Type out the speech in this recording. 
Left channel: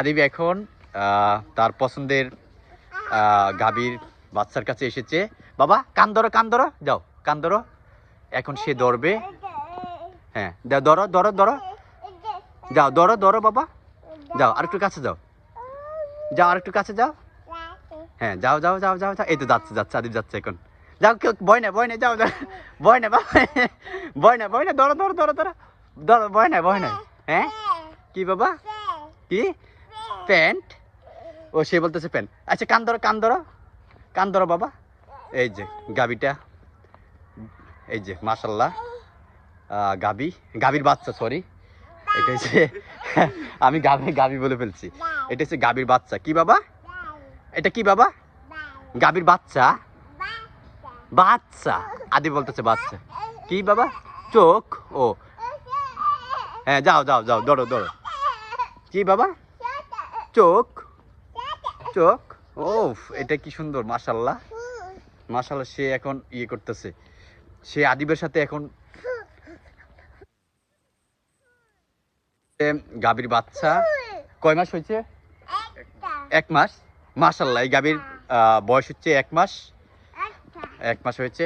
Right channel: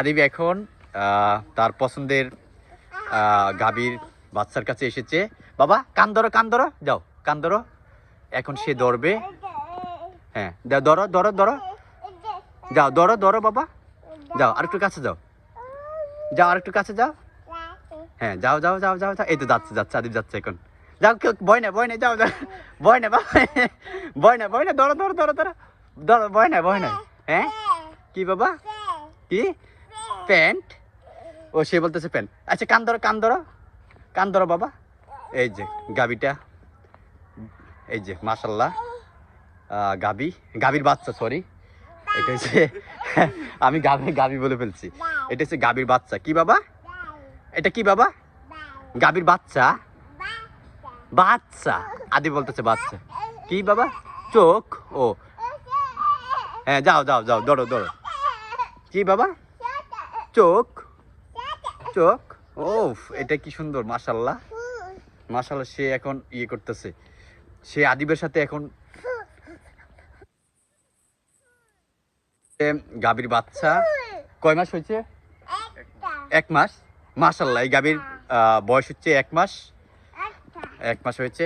আদিব এখন তার পছন্দের গাভীর বাচ্চার কাছে এসেছে। বাবা, কান ধরো কান ধরো, যাও, কান ধরো। এখন সে ধরবে। হ্যাঁ ধরো ধরো ধরো। যাও, ধরো ধরো, বাবা। যাও আর একটু কাছে যাও। যাও আর একটু কাছে যাও। হ্যাঁ যাও যাও যাও যাও যাও। এই তো যাচ্ছে যাচ্ছে আদিব যাচ্ছে এখন। যাও, কেউ ভয় না ভয় না যাও ভয় না বাবা। ভয় না ভয় না ধরো ধরো ধরো ধরো। ধরো, ভয় না ভয় না হ্যাঁ? কি, বাবা? কি? প্যান্ট। ও, সে বলতেছে প্যান্ট। আচ্ছা কান ধরো কান ধরো। কান ধরো, বাবা। এই যে, গাবিটা। এই যে মাসাল্লাহ গাবি। গাবির বাচ্চা সরি এটা হচ্ছে, আমি গাবি গাবি বলে ফেলছি। এটা হচ্ছে গাবির বাচ্চা। কি বাবা? এটা কি বাবা? গাবির বাচ্চা? বাচ্চা। আদি বলতেছে বাচ্চা। কি বাবা? চোখ? ও। হ্যাঁ যাও যাও যাও, ধরো ধরো। কি বাবা? চোখ। চোখ। ও এটা কি সুন্দর মাশাল্লাহ মাশাল্লাহ সে এখন ইয়ে করতেছে। সে আদিবের সাথে এখন গাভীর বাচ্চা। কয় মাস হয়েছে? এক মাস। মাশাল্লাহ এই গাভীর বয়স হচ্ছে এক মাস। এক মাস হয়েছে।